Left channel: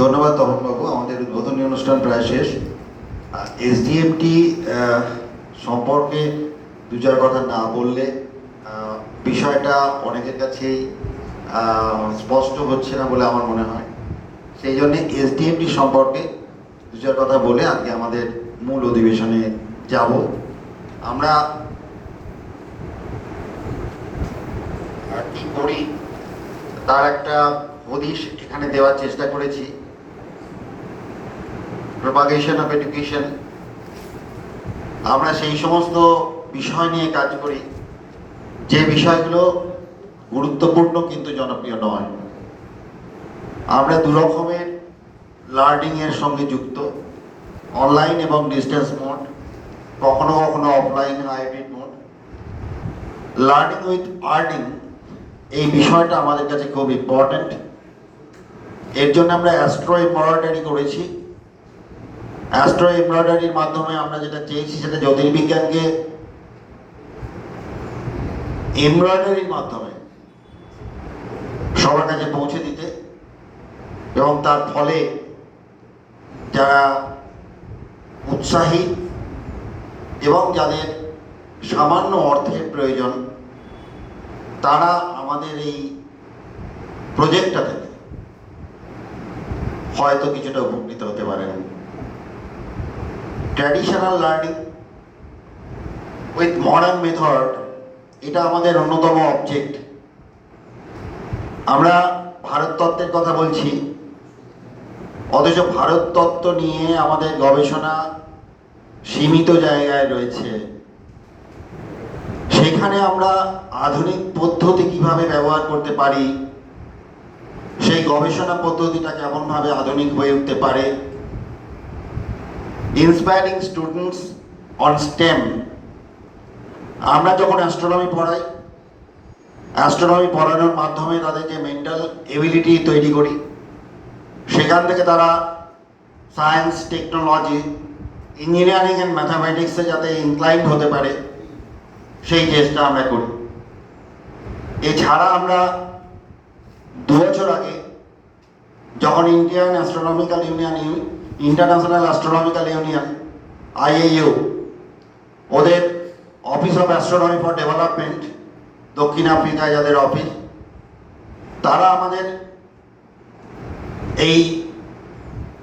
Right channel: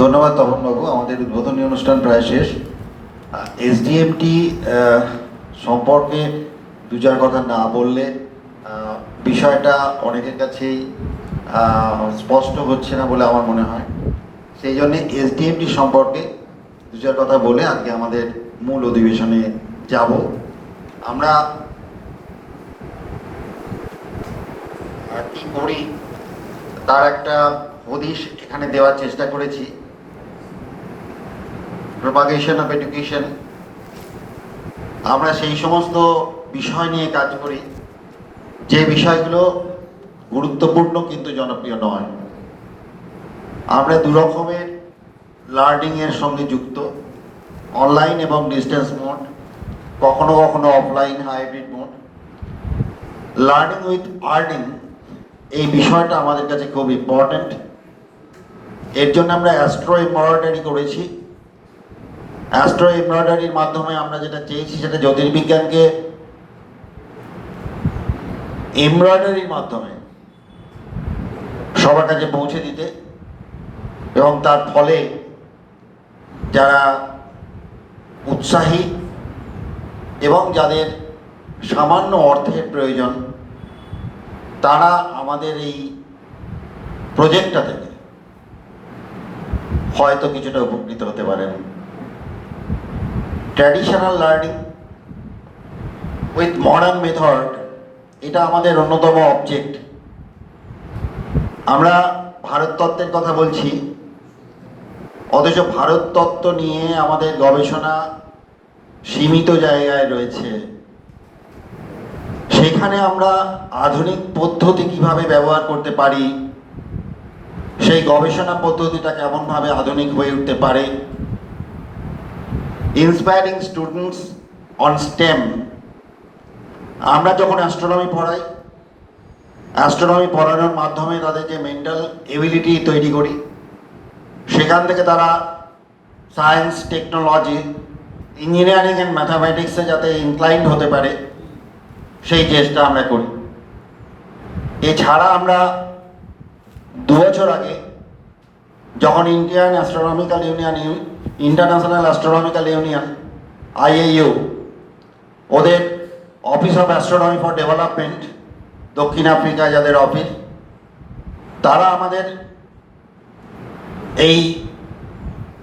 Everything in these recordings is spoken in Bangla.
ধন্যবাদ তপনবাবু, আমাদের উদ্বোধনী অনুষ্ঠান প্রায় শেষ। এসডিএমটি সম্পর্কে দু চার কথা না বললে বিষয়টা অনেকের কাছেই স্পষ্ট হচ্ছে না বলে আমার মনে হয়। সেই জন্য এসডিএমটি সম্পর্কে দু চার কথা বলে আজকে আমাদের মূল অধিবেশনে যাব। আমরা করি, তার একটা হদিশ এখানে দেওয়ার চেষ্টা করেছি। প্রপাগেশন অফ এডুকেশন আমরা সেই সমস্ত বিষয় নিয়ে কাজ করি। যে বিষয়গুলো গুরুত্বপূর্ণ কিন্তু জনপ্রিয় নয়। আমরা দু রকমের লার্নিং এর সঙ্গে যুক্ত। অনলাইন এবং ডিস্টেন্স মোড কখনো কখনো offline hybrid mode learning with earning এই বিষয়টা আমাদের কাছে খুব ইম্পর্ট্যান্ট এর জন্য আমরা অ্যাস্ট্রো এমব্রয়ডারি করেছি। অ্যাস্ট্রো এমব্রয়ডারির মাধ্যমে আমরা যেটা চেয়েছি সেটা জ্যোতির্বিজ্ঞানকে এমব্রয়ডারির মাধ্যমে সবার কাছে পৌঁছে দিতে এবং তার ফলে যারা উৎসাহী এবং যাদের সামান্য অর্থের প্রয়োজন, তারা আমাদের এই প্রজেক্টটা থেকে হয়তো কিছুটা উপকৃত হতে পারেন। Traditional learning with modern method এটা আমাদের অন্যতম অবজেক্ট আমরা ভারত তত্ত্বের কথা বলছি, অথচ ভারত তত্ত্ব নিয়ে আমাদের গবেষণা সীমিত জায়গায় রয়েছে। সেখানে আমরা আধুনিক পদ্ধতি কীভাবে ব্যবহার করতে পারি, সেই গবেষণা পদ্ধতিটা কেমনভাবে আধুনিক হয়ে উঠতে পারে ইন্সপায়ারিং স্টুডেন্টস অন স্টেম আমরা যখন অ্যাস্ট্রোনমি পড়াই অ্যাস্ট্রোনমি পড়ানোর মাধ্যমে তাদের যে মেন্টাল এবিলিটি তৈরি করি। সেখান থেকে তারা সায়েন্স টেকনোলজি ইঞ্জিনিয়ারিং অ্যান্ড ম্যাথামেটিক্সে যাতে ইনক্লাইন্ড হতে পারে, সেই চেষ্টা আমরা করি। এছাড়া আমরা দু বছর আগে যখন Indian astronomical union international astronomical union IAU ওদের office of astronomy for development দক্ষিণ আফ্রিকায় যাদের অফিস তারা আমাদের এই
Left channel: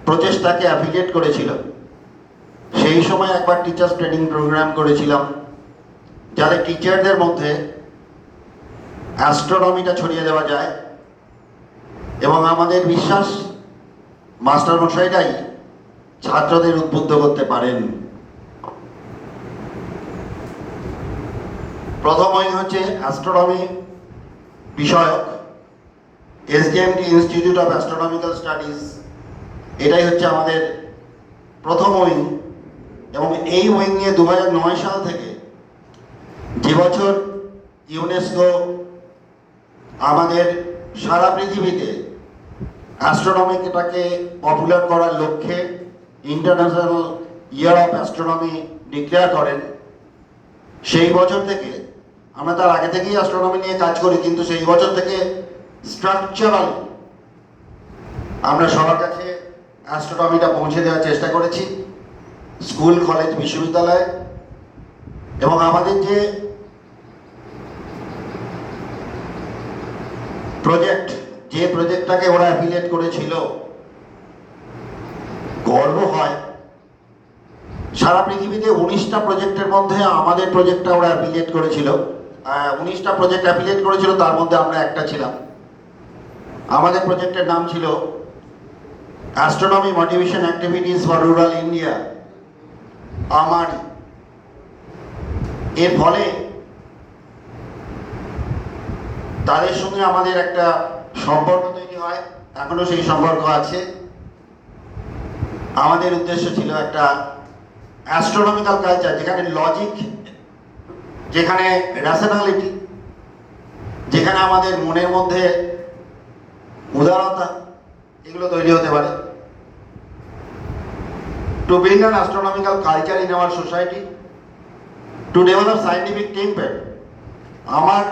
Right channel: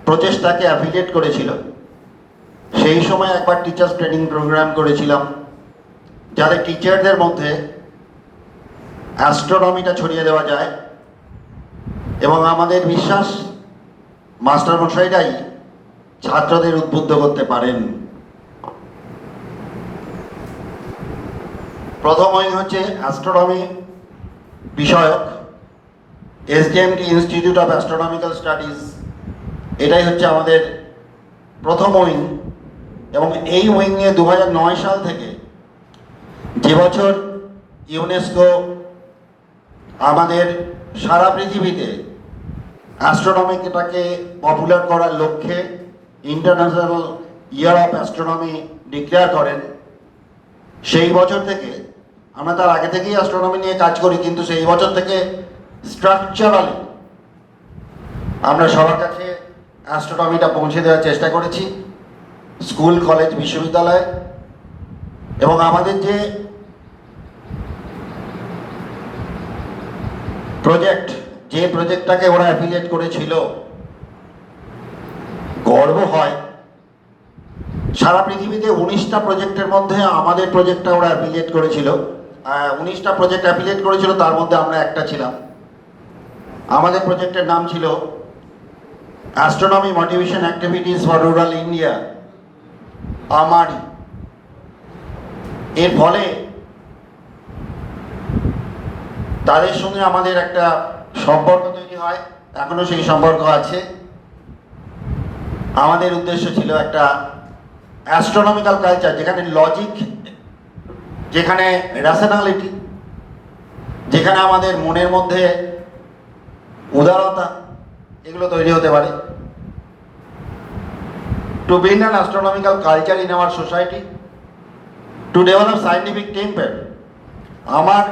প্রচেষ্টাকে অ্যাফিলিয়েট করেছিল। সেই সময় একবার টিচার্স ট্রেনিং প্রোগ্রাম করেছিলাম, যাতে টিচারদের মধ্যে অ্যাস্ট্রোনমিটা ছড়িয়ে দেওয়া যায়। এবং আমাদের বিশ্বাস, মাস্টার মশাইরাই ছাত্রদের উদ্বুদ্ধ করতে পারেন। প্রথম উইং হচ্ছে অ্যাস্ট্রোনমি বিষয়ক SDMT institute of astronomical studies এটাই হচ্ছে আমাদের প্রথম উইং এবং এই উইংয়ে দু হাজার নয় সাল থেকে যে বছর ইউনেস্কো আমাদের সারা পৃথিবীতে অ্যাস্ট্রোনমিটাকে পপুলার করার লক্ষ্যে international year of astronomy declare করেন। সেই বছর থেকে, আমরা তার আগে থেকেই অ্যাস্ট্রোনমি নিয়ে কাজ করি, কিন্তু সেই বছর থেকে স্ট্রাকচারাল আমরা সবার কাছে অ্যাস্ট্রোনমিটা পৌঁছে দেওয়ার চেষ্টা করেছি স্কুল কলেজ বিশ্ববিদ্যালয়। এবং আমাদের যে প্রজেক্ট যে প্রজেক্টটাকে ওরা অ্যাফিলিয়েট করেছিল, গর্ব হয়। সারা পৃথিবীতে উনিশটা প্রজেক্টের মধ্যে আমাদের প্রজেক্টটা ওরা অ্যাফিলিয়েট করেছিল। উনিশটা প্রজেক্ট অ্যাফিলিয়েট করেছিল, তার মধ্যে আমরা একটা ছিলাম। আমাদের প্রজেক্টের নাম ছিল astronomy motivation activities for rural India AMARI এর ফলে তাদের সঙ্গে আমাদের একটা সম্পর্ক তৈরি হয়, এখনও সেই সম্পর্ক আছে। আমাদের উদ্দেশ্য ছিল একটা অ্যাস্ট্রোনমিক্যাল কালচার যেখানে লজিক যেখানে র্যাশনালিটি যেখানে আমাদের মনের মধ্যে উদারতা, এগুলো তৈরি হতে পারে। To build an astronomical culture in our society to develop scientific temper আমার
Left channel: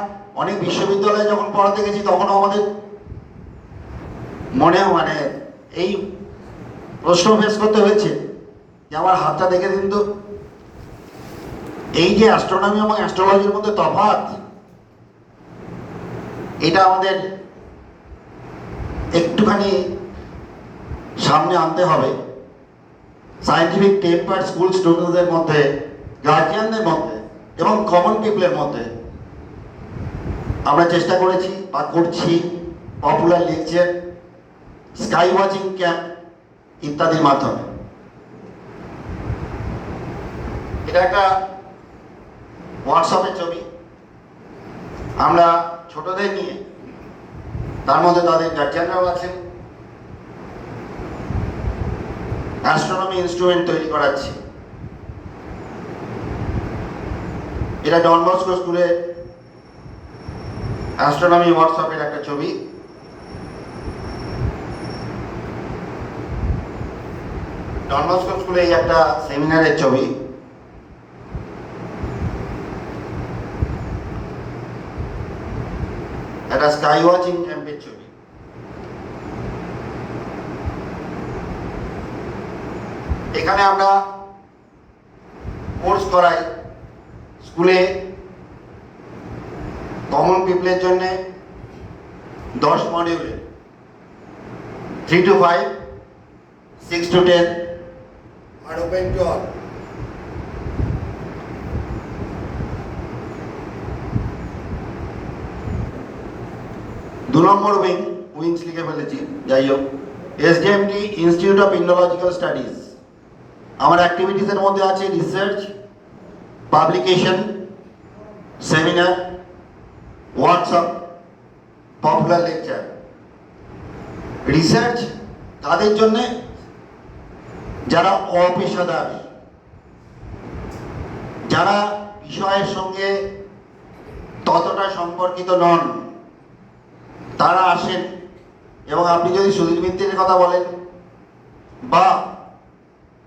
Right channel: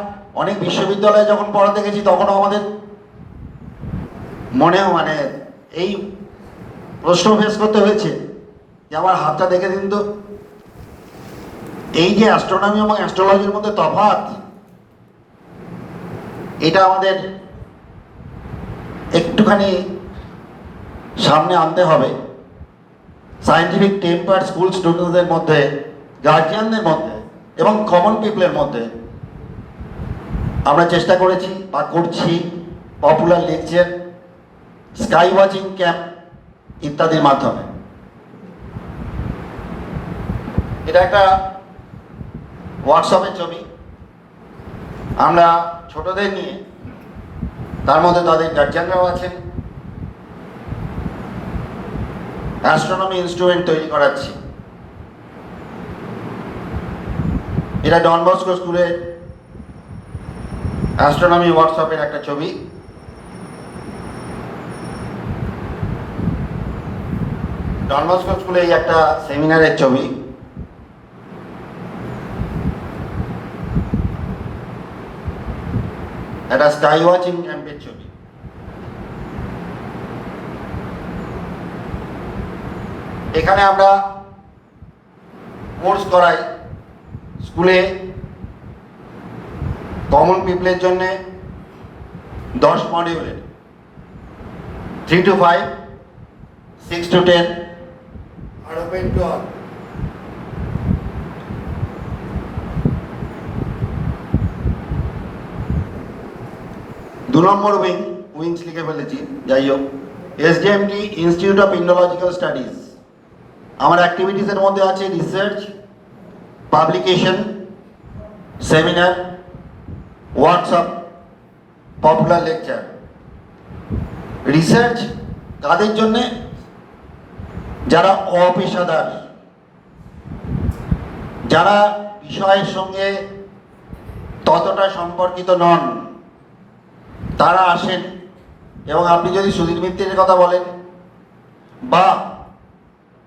অনেক বিশ্ববিদ্যালয়ে যখন পড়াতে গেছি তখন আমাদের মনেও মানে এই প্রশ্ন ফেস করতে হয়েছে যে আমার হাতটা দেখে দিন তো। এই যে অ্যাস্ট্রোনমি এবং অ্যাস্ট্রোলজির মধ্যে তফাৎ, এটা আমাদের একটুখানি সামনে আনতে হবে। সায়েন্টিফিক টেম্পার স্কুল স্টুডেন্টদের মধ্যে গার্জিয়ানদের মধ্যে এবং কমন পিপলের মধ্যে আমরা চেষ্টা করেছি বা করছি popular lecture sky watching camp ইত্যাদির মাধ্যমে। এটা একটা হোয়াটসঅ্যাপের ছবি। আমরা ছোটদের নিয়ে, তার মধ্যে তাদের গার্জিয়ানরাও আছেন। অ্যাস্ট্রোনমি ইনস্ট্রুমেন্ট তৈরি করাচ্ছি। এটা ডন বস্কো স্কুলের অ্যাস্ট্রোনমি হোয়াটসঅ্যাপের একটা ছবি। ডন বস্কো স্কুলে একটা সেমিনারের ছবি। একটা স্কাই ওয়াচিং ক্যাম্পের ছবি। এখানে আমরা কোর্স করাই স্কুলে কমন পিপলের জন্য দশ মডিউলের three to five six to ten to all দু নম্বর উইং উইংস লিখে ফেলেছি যাই হোক SDMT institute of indological studies আমার অ্যাক্টিভিটিসের মধ্যে আছে research publication seminar WhatsApp popular lecture research কাদের জন্যে? যারা অপেশাদার, যারা বিষয়ের সঙ্গে ততটা সম্পর্কিত নন, তারা আসেন এবং আপনি যদি সুধীর মিত্রের কথা বলেন বা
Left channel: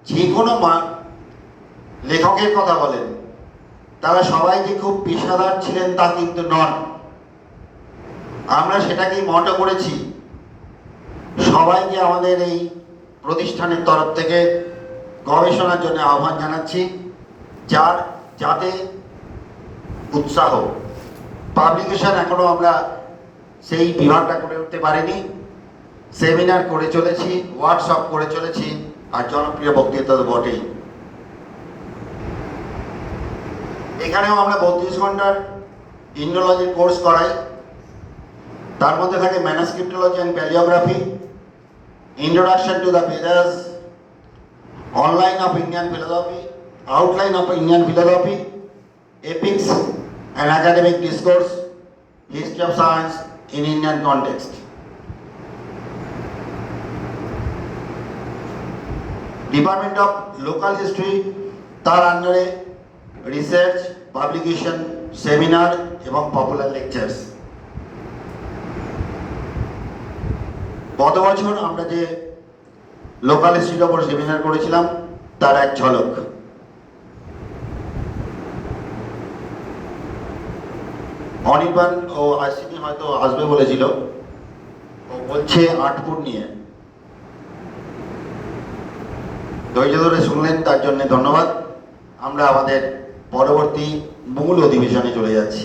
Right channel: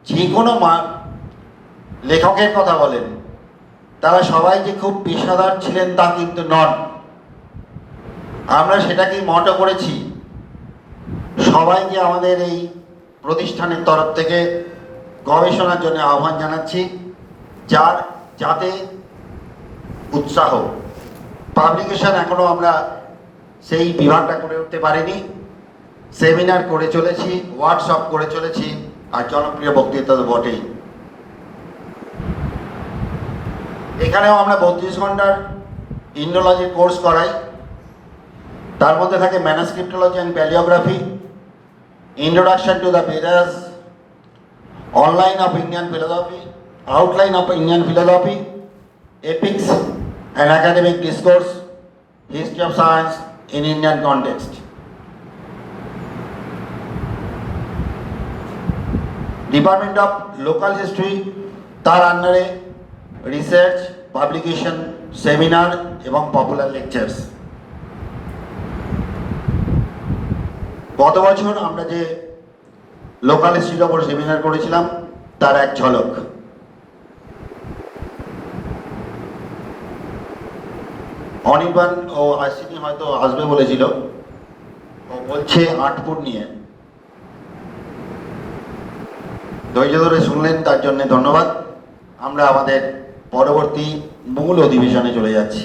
যে কোনো লেখকের কথা বলেন, তারা সবাই যে খুব পেশাদার ছিলেন তা কিন্তু নন। আমরা সেটাকেই মটো করেছি। সবাইকে আমাদের এই প্রতিষ্ঠানের তরফ থেকে গবেষণার জন্য আহ্বান জানাচ্ছি, যার যাতে উৎসাহ পাবলিকেশন এখনও আমরা সেই বিভাগটা করে উঠতে পারিনি। সেমিনার করে চলেছি ওয়ার্কশপ করে চলেছি, আর জনপ্রিয় বক্তৃতা তো বটেই। এখানেও আমরা বত্রিশ ঘণ্টার ইন্ডোলজি কোর্স করাই। তার মধ্যে থাকে manuscriptology and palaeography introduction to the Vedas online of Indian philosophy outline of Indian philosophy epics and academic discourse history of science in Indian context department of local history তার আন্ডারে রিসার্চ পাবলিকেশন সেমিনার এবং পপুলার লেকচার্স গত বছর আমরা যে লোকাল হিস্ট্রির ওপর সেমিনার করেছিলাম, তার এক ঝলক। অনির্বাণ ও আইসিপি হয়তো আসবে বলেছিল বলছে আটপুর নিয়ে। ধৈর্য ধরে শুনলেন, তার জন্য ধন্যবাদ। আমরা আমাদের পরবর্তী মূল অধিবেশনে চলে যাচ্ছি।